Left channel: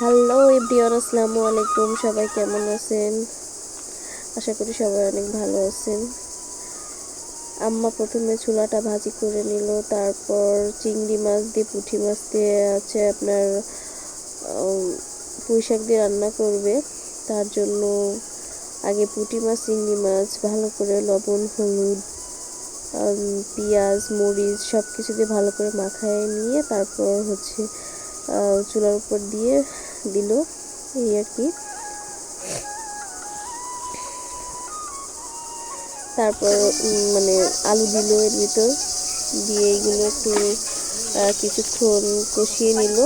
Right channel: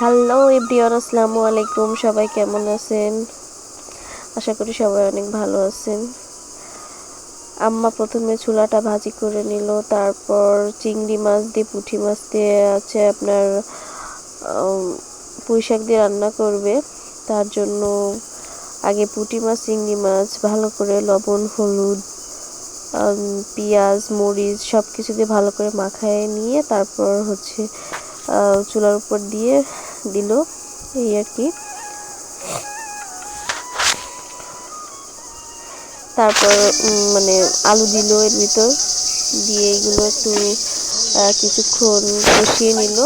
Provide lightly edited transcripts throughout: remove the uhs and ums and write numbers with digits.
Hello everyone, আসসালামু আলাইকুম। সবাই কেমন আছেন? আশা করি সবাই অনেক ভালো আছেন। আম্মা প্রথমে চুলাটা ভাজি করে নিল, তারপর চিংড়ি মাছ দিয়ে পুঁটি মাছ দিয়ে আছে আপনার পুঁই শাক দিয়ে রান্না করবে। তার জন্য আগে পুঁটি মাছ চিংড়ি মাছ ভালো করে লবণ হলুদ পেঁয়াজ মরিচ সব কিছু দিয়ে ভালো করে মাখায় নিয়ে তারপর হচ্ছে চুলার উপর দিয়ে দিল, এই আর কি। তারপর মানে আলু দিল এর ভিতর দিয়ে, এগুলো একটু কিছুক্ষণ কষিয়ে নিল।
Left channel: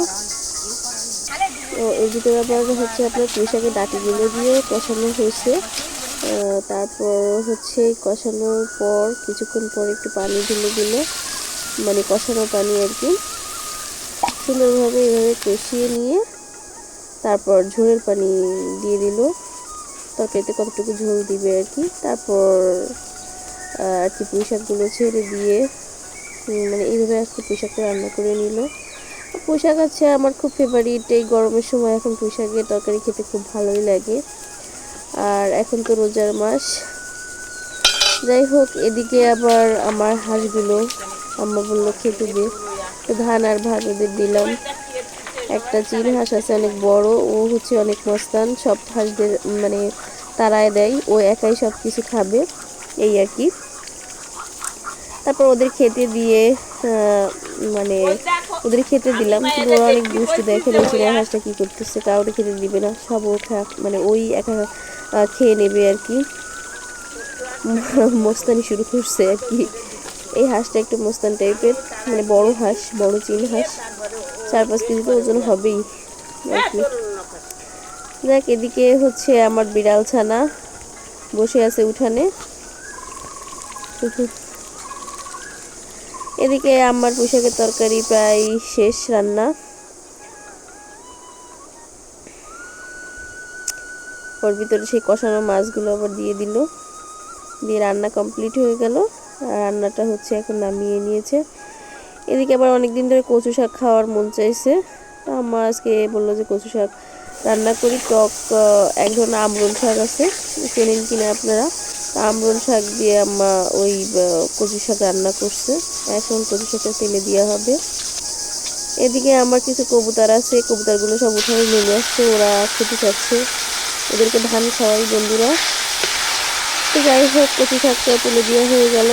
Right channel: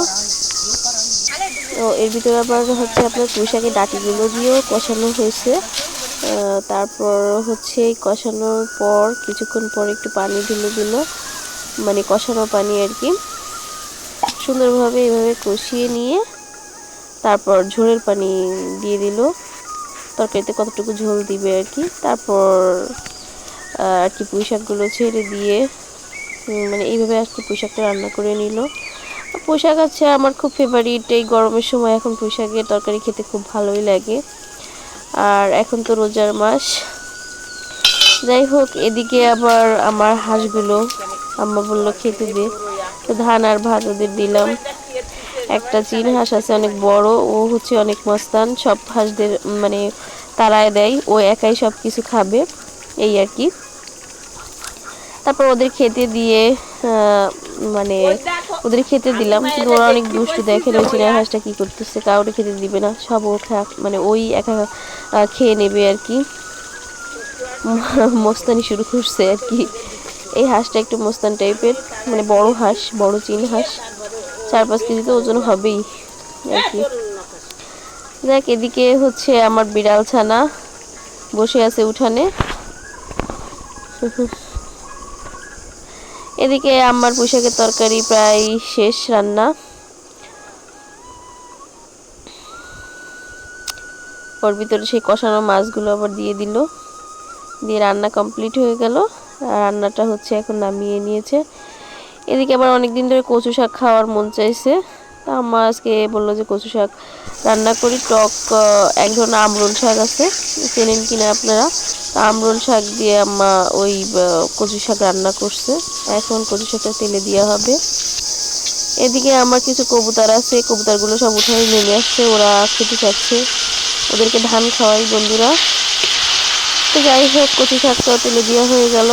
ও এর ভিতরে আবার হচ্ছে আপনার পুঁই শাকের ডাঁটিগুলো দিয়েও কষানো হয়েছে। তারপর হচ্ছে কষানোর পর কিছুক্ষণ পর একটু পানি ঢেলে দিল, মানে কষানো পানি আর কি। সুন্দরভাবে এভাবে কষিয়ে নিয়ে তারপর ঝোলের পানি দিয়ে দিল, তরকারিতে কতটুকু ঝোল দিবে আর কি। তারপর আর কি পুঁই শাকগুলো ছেড়ে দিয়ে মানে এইভাবে আর কি পুঁই শাকটা রান্না করে নিল। পুঁই শাক আছে আমার খুব ফেভারিট, এই গরমের সময় এখন পুঁই শাকের তরকারি খেতে খুব ভালোই লাগে। আর এখন তো রোজার মাস। যাই হোক, এদিকে আবার আমার হাঁসগুলো আম্মা বললো খেতে দে, তো ধান আর ভাত ওদের দিলাম। একটা চীন হাঁস আছে অনেক বড়, ও হচ্ছে অনেক মস্তান, সব হাঁসদের মানে তাড়ায় দেয়, ও একাই সব কিছু খাবে, এই আর কি। তারপর ওদের খেতে দিয়ে মানে ওদের খেতে দিলাম, কিন্তু ওরা অনেক দুষ্টু। দেখেন ওই চীনা হাঁসটা কি করতেছে, কাউকে খেতে দিবে না, সব ও মানে ওই একা খেয়ে নেবে আর কি। মস্তানি শুরু করছে আর কি। এই হাঁসটা একটু মস্তান টাইপের, মানে বড় হাঁস, বড় চীন হাঁস, 4-5 কেজি তো ওজন হবেই আর কি। দেখ, এদিকে হচ্ছে আমার বিড়াল ছানা বসে আছে উঠানে। এদিকে আমার পুঁই শাকের তরকারি প্রায় শেষ রান্না। ওর ভিতরে সেই কষানো মাছগুলো আবার দিয়ে দিল, দিয়ে রান্না কমপ্লিট হয়ে গেল। আর রান্নাটা হচ্ছে এখন নামিয়ে নিয়েছে। এদিকে আবার অনেকদিন ধরে কচু শাক খাওয়ার মন চাইছে, তা আম্মা আজকে বললো যে কচু শাক রান্না করি। টক এক ধরনের আমরুল শাক আছে, চেনেন কিনা আপনারা? আমরুল শাক দিয়ে আম্মা ওই কচু শাক রান্না করছে। এখন কচু শাকটা তেলে দেওয়া হবে। এদিকে আমার কিছু কবুতর আছে, কবুতরগুলো সব উঠানে নেমে আসছে, ওরা খেতে চাচ্ছে, ওদেরকে ধান খাওয়াই বন্ধুরা। তো যাই হোক, কচু শাকটা তুলে দেওয়া হয়ে গেল।